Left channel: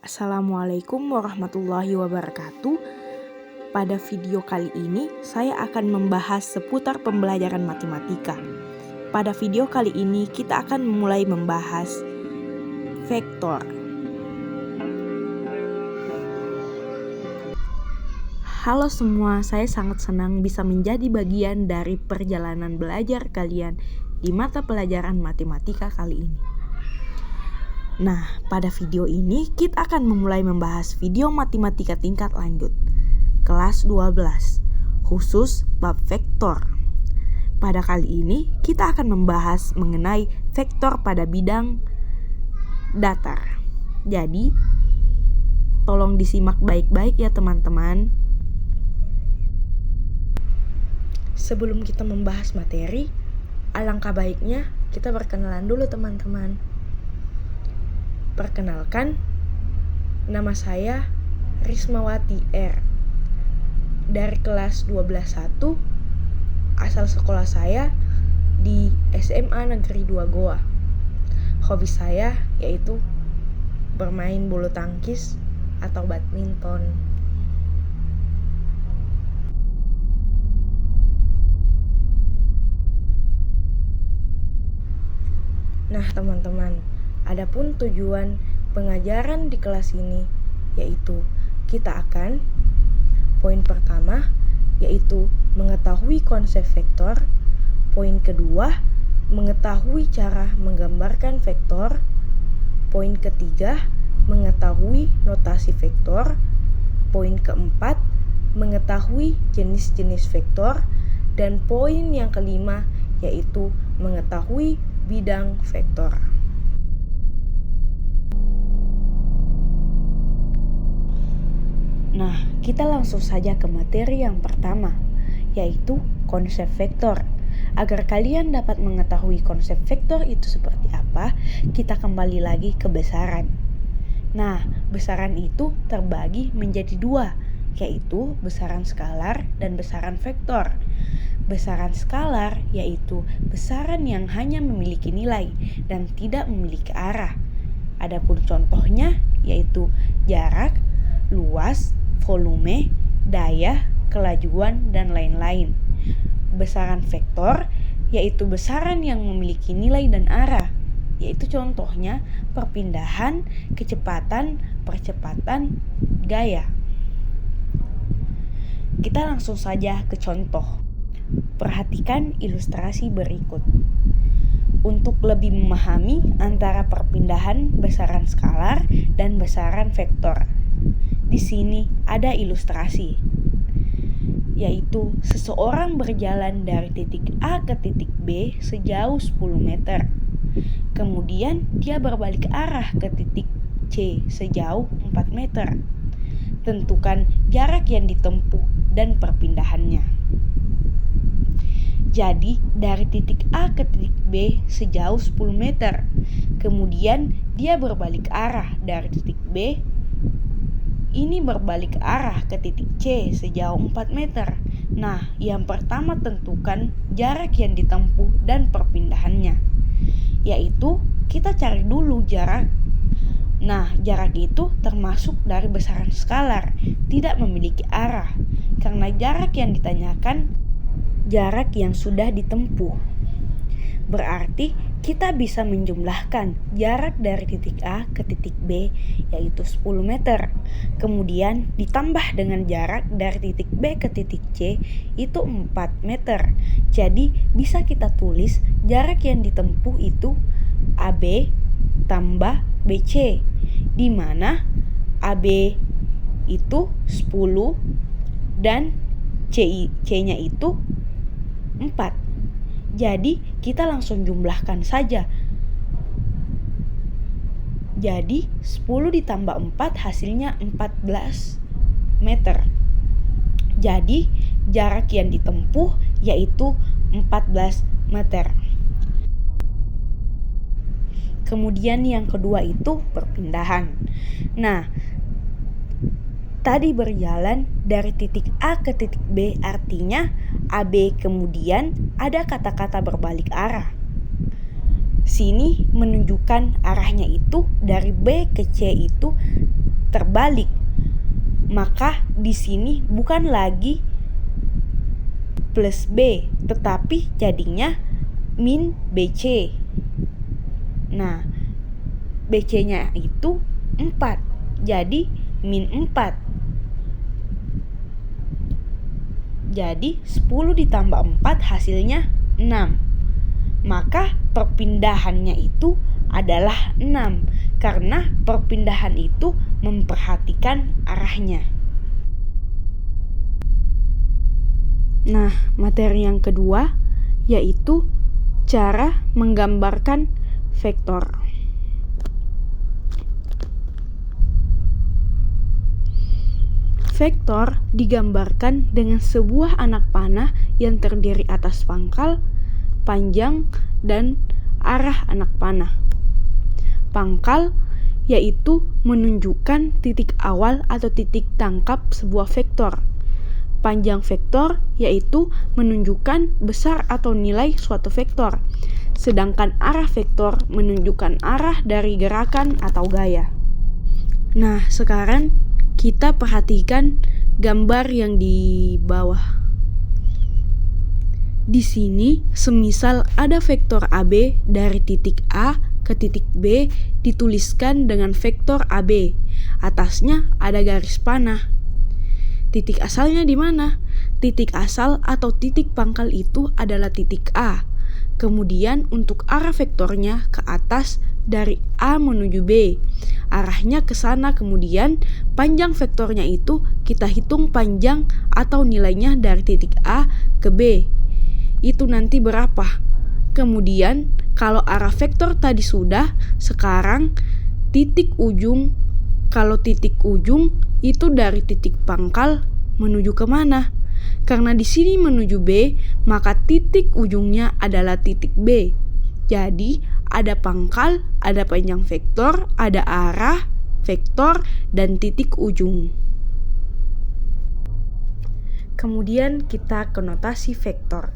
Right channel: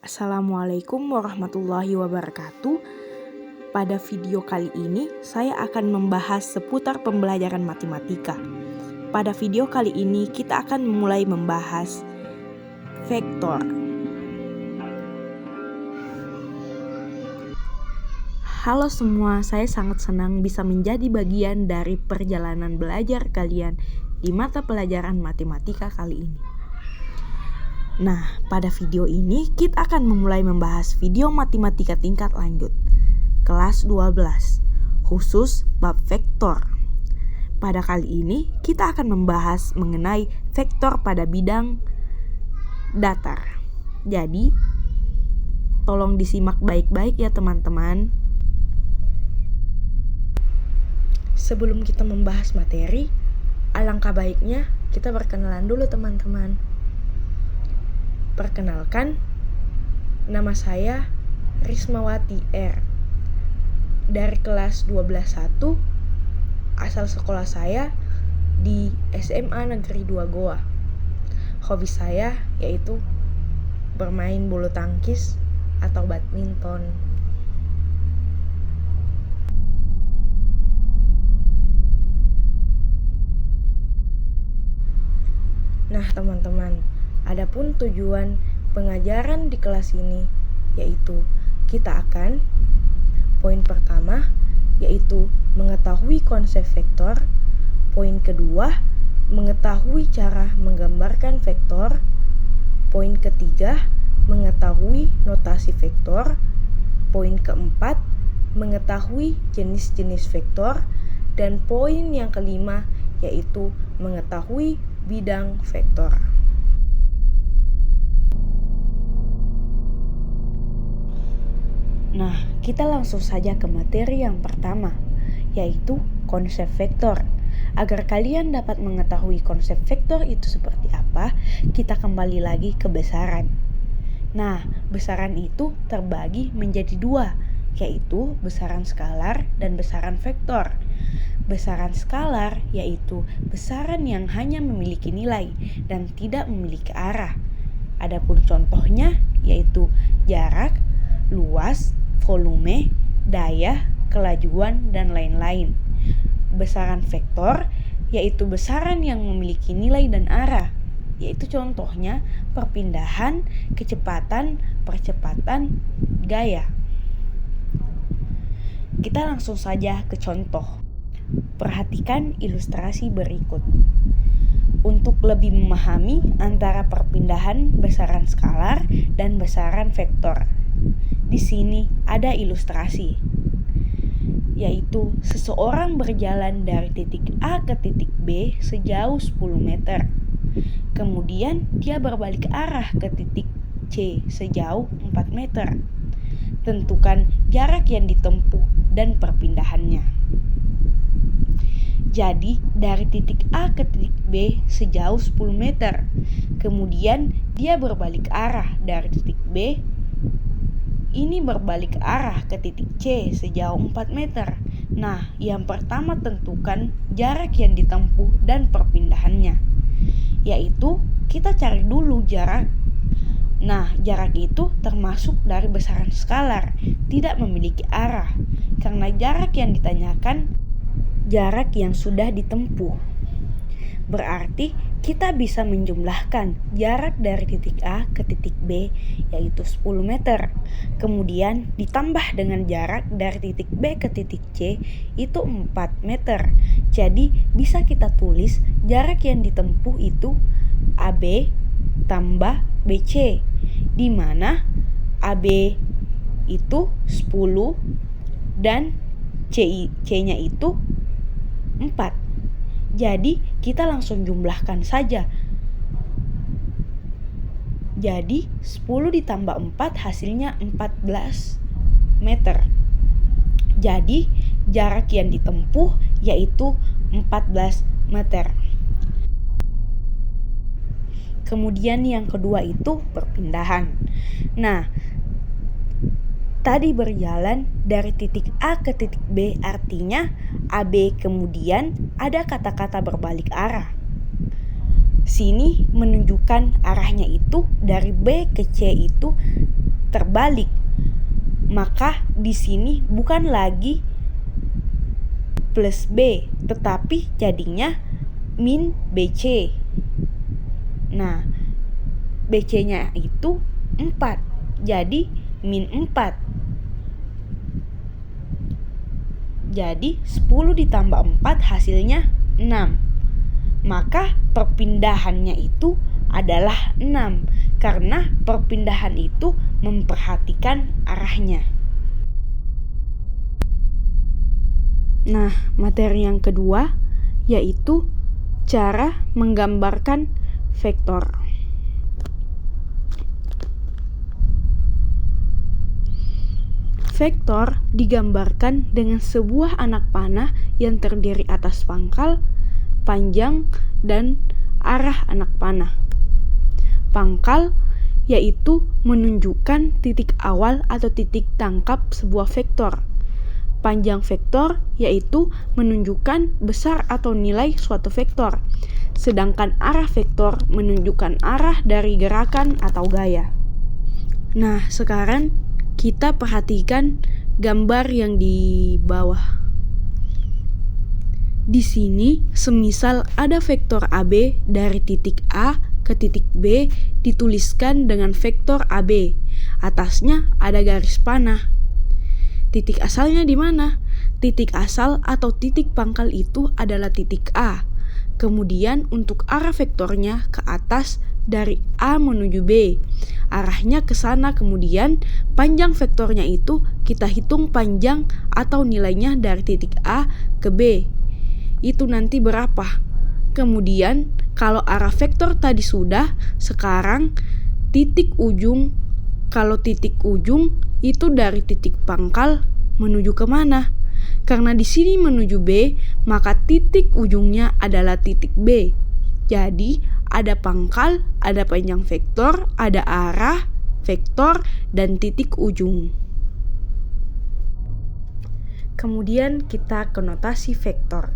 Assalamualaikum warahmatullahi wabarakatuh. Pada video kali ini saya akan membahas seputar pembelajaran matematika. Pada video kali ini kita akan mulai membahas vektor. Halo semua, saya sangat senang bisa menjadi bagian dari perjalanan belajar kalian di mata pelajaran matematika kali ini. Nah, pada video ini kita akan memulai membahas video matematika tingkat lanjut, kelas 12, khusus bab vektor. Pada kali ini kita akan membahas mengenai vektor pada bidang datar. Jadi, tolong disimak baik-baik ya teman-teman. Sebelum kita membahas materi, alangkah baiknya kita berkenalan dulu teman-teman. Perkenalkan, nama saya Rismawati R. Dari kelas 12-1, asal sekolah saya di SMA Negeri 2 Goa. Hobi saya yaitu bermain bulu tangkis atau badminton. Nah teman-teman, adapun tujuan pengajaran di kelas ini yaitu kita akan poin pertama yaitu mengetahui konsep vektor, poin kedua mengetahui cara menggambarkan vektor, poin ketiga mengetahui notasi vektor, poin keempat mengetahui jenis-jenis vektor, dan poin yang kelima yaitu mengetahui bidang vektor. Nah, kita langsung saja ke materi yang pertama, yaitu konsep vektor. Agar kalian dapat mengetahui konsep vektor itu seperti apa, kita kembali lagi ke besaran. Nah, besaran itu terbagi menjadi dua, yaitu besaran skalar dan besaran vektor. Besaran skalar yaitu besaran yang hanya memiliki nilai dan tidak memiliki arah. Adapun contohnya yaitu jarak, luas, volume, daya, kelajuan, dan lain-lain. Besaran vektor yaitu besaran yang memiliki nilai dan arah, yaitu contohnya perpindahan, kecepatan, percepatan, gaya. Kita langsung saja ke contoh. Perhatikan ilustrasi berikut. Untuk lebih memahami antara perpindahan besaran skalar dan besaran vektor, di sini ada ilustrasi, yaitu seseorang berjalan dari titik A ke titik B sejauh 10 meter. Kemudian dia berbalik arah ke titik C sejauh 4 meter. Tentukan jarak yang ditempuh dan perpindahannya. Jadi, dari titik A ke titik B sejauh 10 meter. Kemudian dia berbalik arah dari titik B. Ini berbalik arah ke titik C sejauh 4 meter. Nah, yang pertama tentukan jarak yang ditempuh dan perpindahannya. Yaitu, kita cari dulu jarak. Nah, jarak itu termasuk dari besaran skalar, tidak memiliki arah. Karena jarak yang ditanyakan jarak yang sudah ditempuh. Berarti kita bisa menjumlahkan jarak dari titik A ke titik B yaitu 10 meter. Kemudian ditambah dengan jarak dari titik B ke titik C itu 4 meter. Jadi bisa kita tulis jarak yang ditempuh itu AB tambah BC, di mana AB itu 10 dan C-nya itu 4. Jadi kita langsung jumlahkan saja. Jadi 10 ditambah 4 hasilnya 14 meter. Jadi jarak yang ditempuh yaitu 14 meter. Kemudian yang kedua itu perpindahan. Nah, tadi berjalan dari titik A ke titik B artinya AB kemudian ada kata-kata berbalik arah. Sini menunjukkan arahnya itu dari B ke C itu terbalik. Maka di sini bukan lagi plus B, tetapi jadinya min BC. Nah, BC-nya itu 4, jadi min 4. Jadi 10 ditambah 4 hasilnya 6. Maka perpindahannya itu adalah 6, karena perpindahan itu memperhatikan arahnya. Nah, materi yang kedua yaitu cara menggambarkan vektor. Vektor digambarkan dengan sebuah anak panah yang terdiri atas pangkal, panjang, dan arah anak panah. Pangkal yaitu menunjukkan titik awal atau titik tangkap sebuah vektor. Panjang vektor yaitu menunjukkan besar atau nilai suatu vektor. Sedangkan arah vektor menunjukkan arah dari gerakan atau gaya. Nah, sekarang kita perhatikan gambar yang di bawah. Di sini, semisal ada vektor AB dari titik A ke titik B dituliskan dengan vektor AB. Atasnya ada garis panah. Titik asalnya di mana? Titik asal atau titik pangkal itu adalah titik A. Kemudian untuk arah vektornya ke atas dari A menuju B. Arahnya ke sana, kemudian panjang vektornya itu kita hitung panjang atau nilainya dari titik A ke B. Itu nanti berapa? Kemudian kalau arah vektor tadi sudah, sekarang titik ujung. Kalau titik ujung itu dari titik pangkal menuju ke mana? Karena di sini menuju B, maka titik ujungnya adalah titik B. Jadi ada pangkal, ada panjang vektor, ada arah vektor, dan titik ujung. Kemudian kita ke notasi vektor.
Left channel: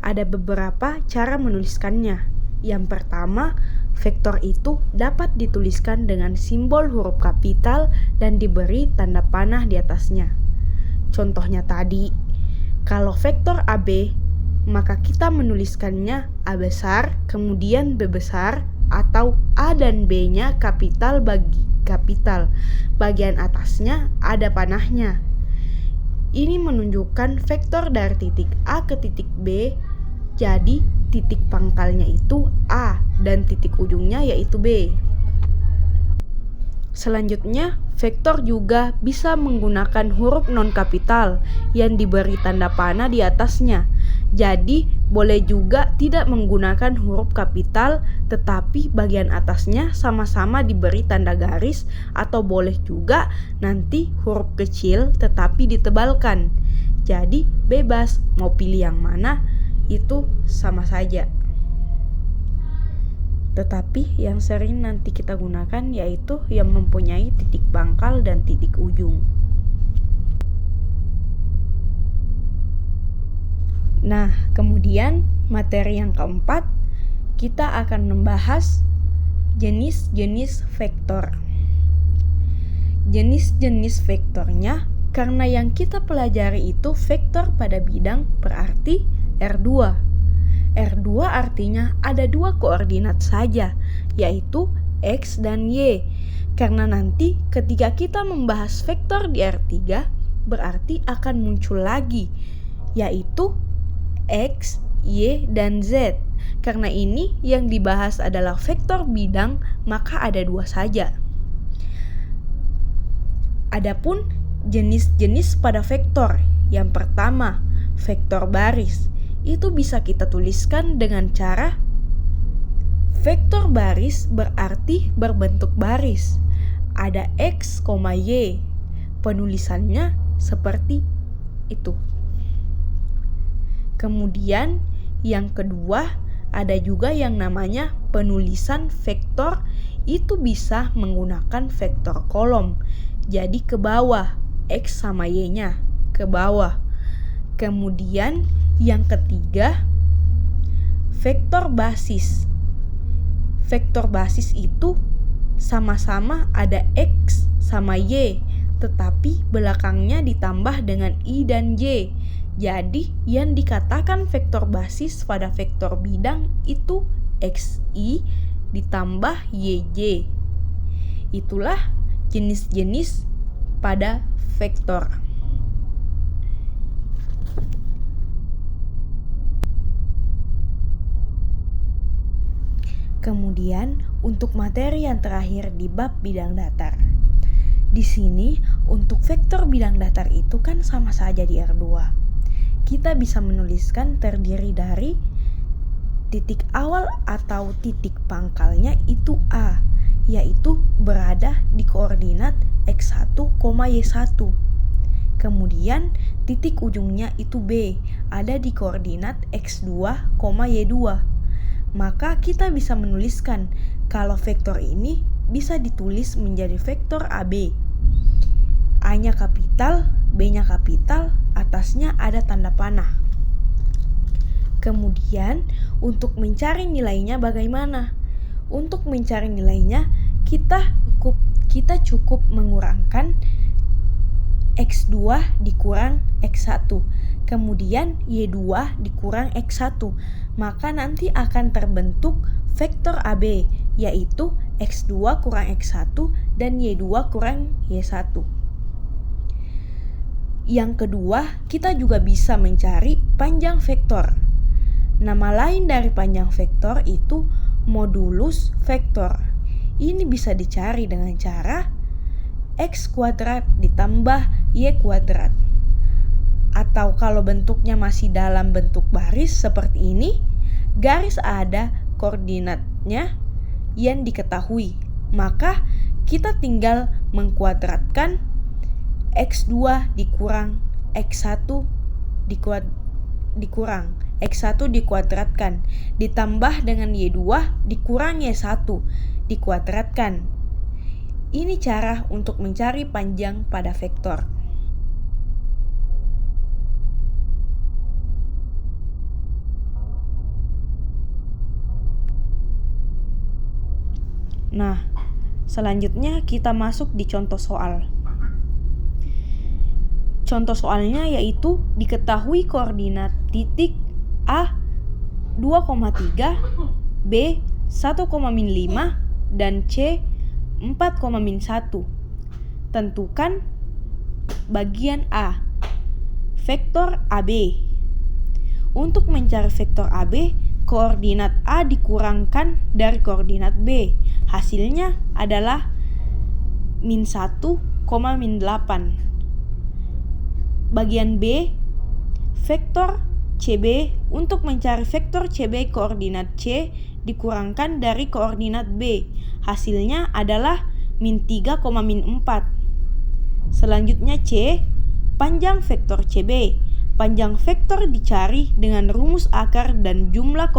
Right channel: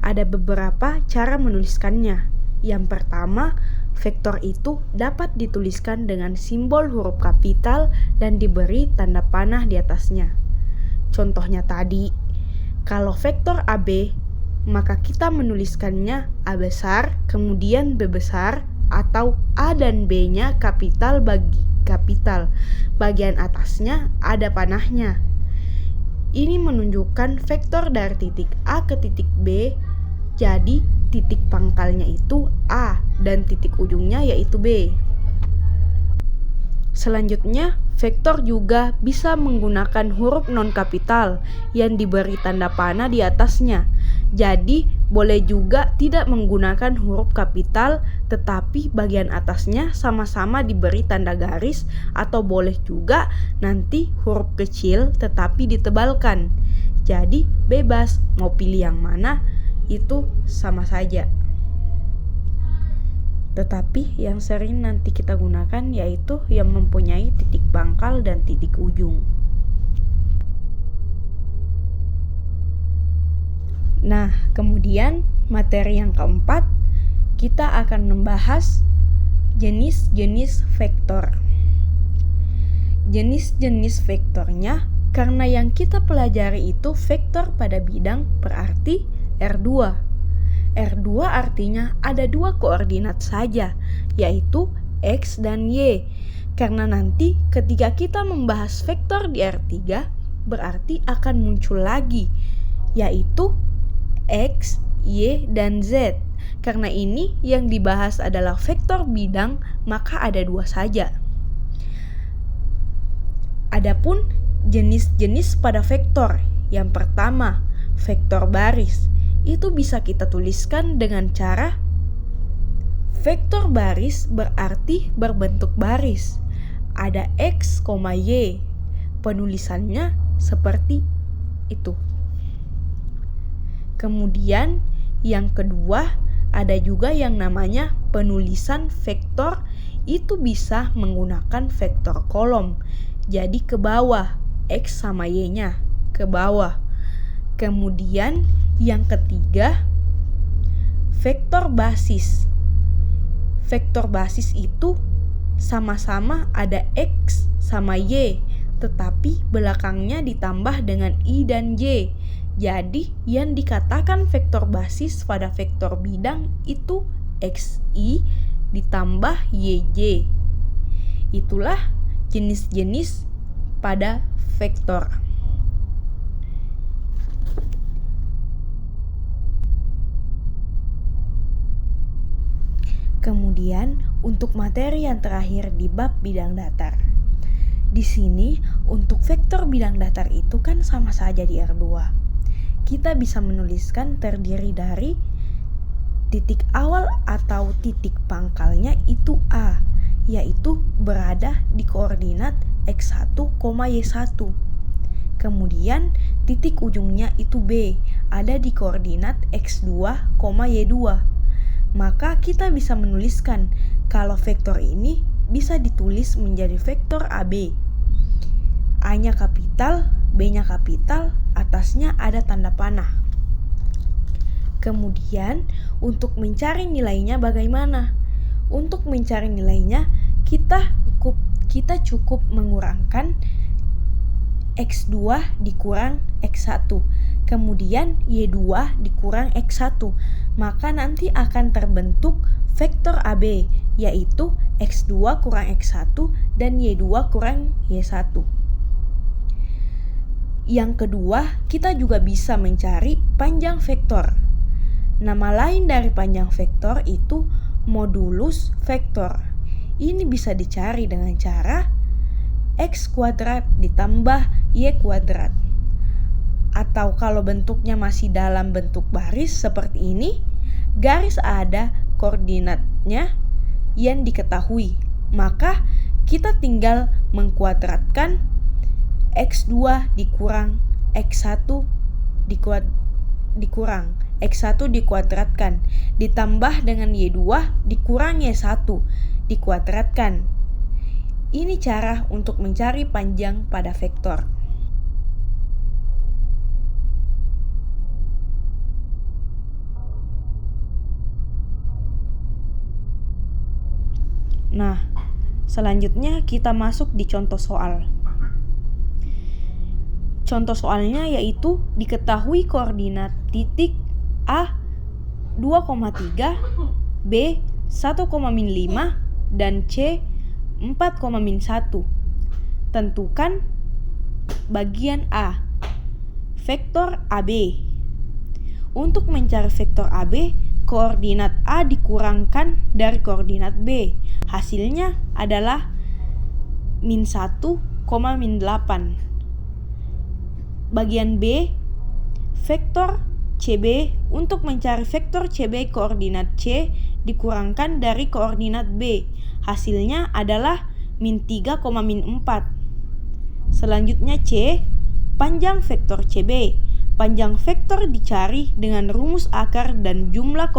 Ada beberapa cara menuliskannya. Yang pertama, vektor itu dapat dituliskan dengan simbol huruf kapital dan diberi tanda panah di atasnya. Contohnya tadi, kalau vektor AB, maka kita menuliskannya A besar, kemudian B besar, atau A dan B-nya kapital bagi kapital. Bagian atasnya ada panahnya. Ini menunjukkan vektor dari titik A ke titik B, jadi titik pangkalnya itu A dan titik ujungnya yaitu B. Selanjutnya, vektor juga bisa menggunakan huruf non-kapital yang diberi tanda panah di atasnya. Jadi, boleh juga tidak menggunakan huruf kapital, tetapi bagian atasnya sama-sama diberi tanda garis, atau boleh juga nanti huruf kecil tetapi ditebalkan. Jadi, bebas mau pilih yang mana, itu sama saja. Tetapi yang sering nanti kita gunakan yaitu yang mempunyai titik pangkal dan titik ujung. Nah, kemudian materi yang keempat, kita akan membahas jenis-jenis vektor. Jenis-jenis vektornya, karena yang kita pelajari itu vektor pada bidang berarti R2. R2 artinya ada dua koordinat saja, yaitu X dan Y. Karena nanti ketika kita membahas vektor di R3, berarti akan muncul lagi, yaitu X, Y, dan Z. Karena ini yang dibahas adalah vektor bidang, maka ada dua saja. Adapun jenis-jenis pada vektor, yang pertama, vektor baris. Itu bisa kita tuliskan dengan cara vektor baris berarti berbentuk baris. Ada X, Y. Penulisannya seperti itu. Kemudian yang kedua, ada juga yang namanya penulisan vektor. Itu bisa menggunakan vektor kolom. Jadi ke bawah, X sama Y-nya ke bawah. Kemudian yang ketiga, vektor basis. Vektor basis itu sama-sama ada X sama Y, tetapi belakangnya ditambah dengan I dan Y. Jadi yang dikatakan vektor basis pada vektor bidang itu XI ditambah YJ. Itulah jenis-jenis pada vektor. Kemudian untuk materi yang terakhir di bab bidang datar. Di sini untuk vektor bidang datar itu kan sama saja di R2. Kita bisa menuliskan terdiri dari titik awal atau titik pangkalnya itu A, yaitu berada di koordinat X1, Y1. Kemudian titik ujungnya itu B, ada di koordinat X2, Y2. Maka kita bisa menuliskan kalau vektor ini bisa ditulis menjadi vektor AB. A-nya kapital, B-nya kapital, atasnya ada tanda panah. Kemudian untuk mencari nilainya bagaimana? Untuk mencari nilainya kita cukup mengurangkan X2 dikurang X1. Kemudian Y2 dikurang X1, maka nanti akan terbentuk vektor AB, yaitu X2 kurang X1 dan Y2 kurang Y1. Yang kedua, kita juga bisa mencari panjang vektor. Nama lain dari panjang vektor itu modulus vektor. Ini bisa dicari dengan cara X kuadrat ditambah Y kuadrat. Atau kalau bentuknya masih dalam bentuk baris seperti ini, garis ada koordinatnya yang diketahui. Maka kita tinggal mengkuadratkan X2 dikurang X1 dikurang X1 dikuadratkan ditambah dengan Y2 dikurang Y1 dikuadratkan. Ini cara untuk mencari panjang pada vektor. Nah, selanjutnya kita masuk di contoh soal. Contoh soalnya yaitu diketahui koordinat titik A 2,3, B 1,5 dan C 4,1. Tentukan bagian A. Vektor AB. Untuk mencari vektor AB, koordinat A dikurangkan dari koordinat B. Hasilnya adalah min 1, min 8. Bagian B, vektor CB. Untuk mencari vektor CB, koordinat C dikurangkan dari koordinat B. Hasilnya adalah min 3, min 4. Selanjutnya C, panjang vektor CB. Panjang vektor dicari dengan rumus akar dan jumlah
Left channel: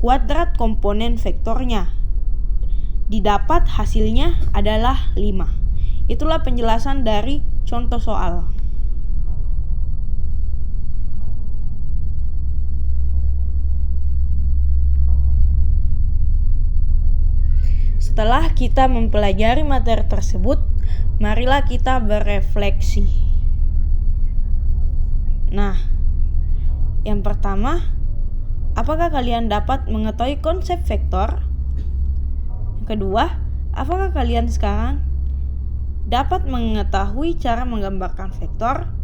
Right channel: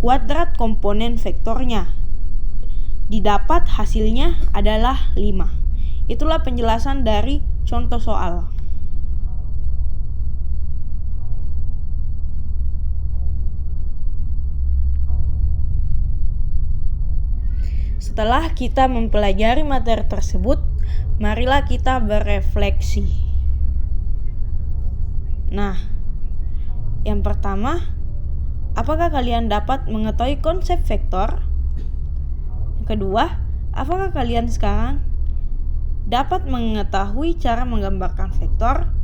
kuadrat komponen vektornya. Didapat hasilnya adalah 5. Itulah penjelasan dari contoh soal. Setelah kita mempelajari materi tersebut, marilah kita berefleksi. Nah, yang pertama, apakah kalian dapat mengetahui konsep vektor? Yang kedua, apakah kalian sekarang dapat mengetahui cara menggambarkan vektor?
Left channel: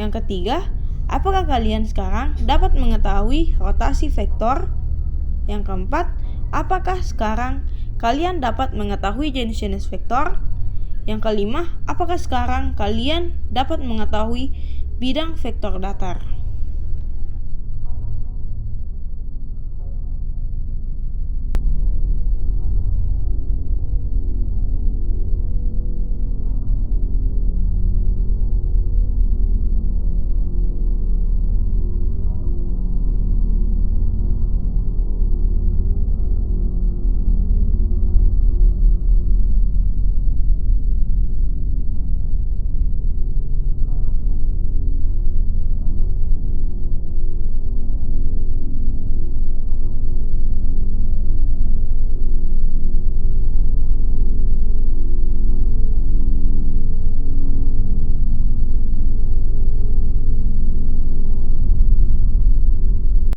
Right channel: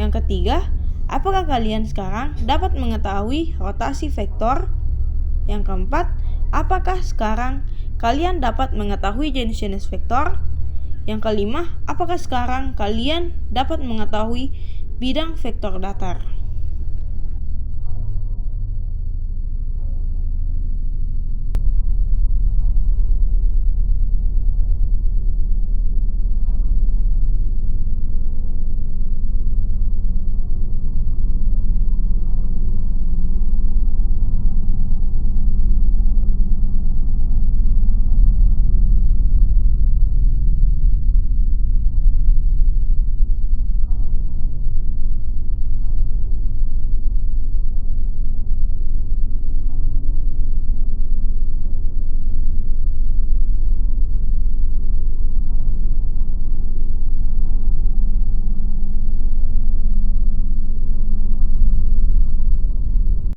Yang ketiga, apakah kalian sekarang dapat mengetahui rotasi vektor? Yang keempat, apakah sekarang kalian dapat mengetahui jenis-jenis vektor? Yang kelima, apakah sekarang kalian dapat mengetahui bidang vektor datar?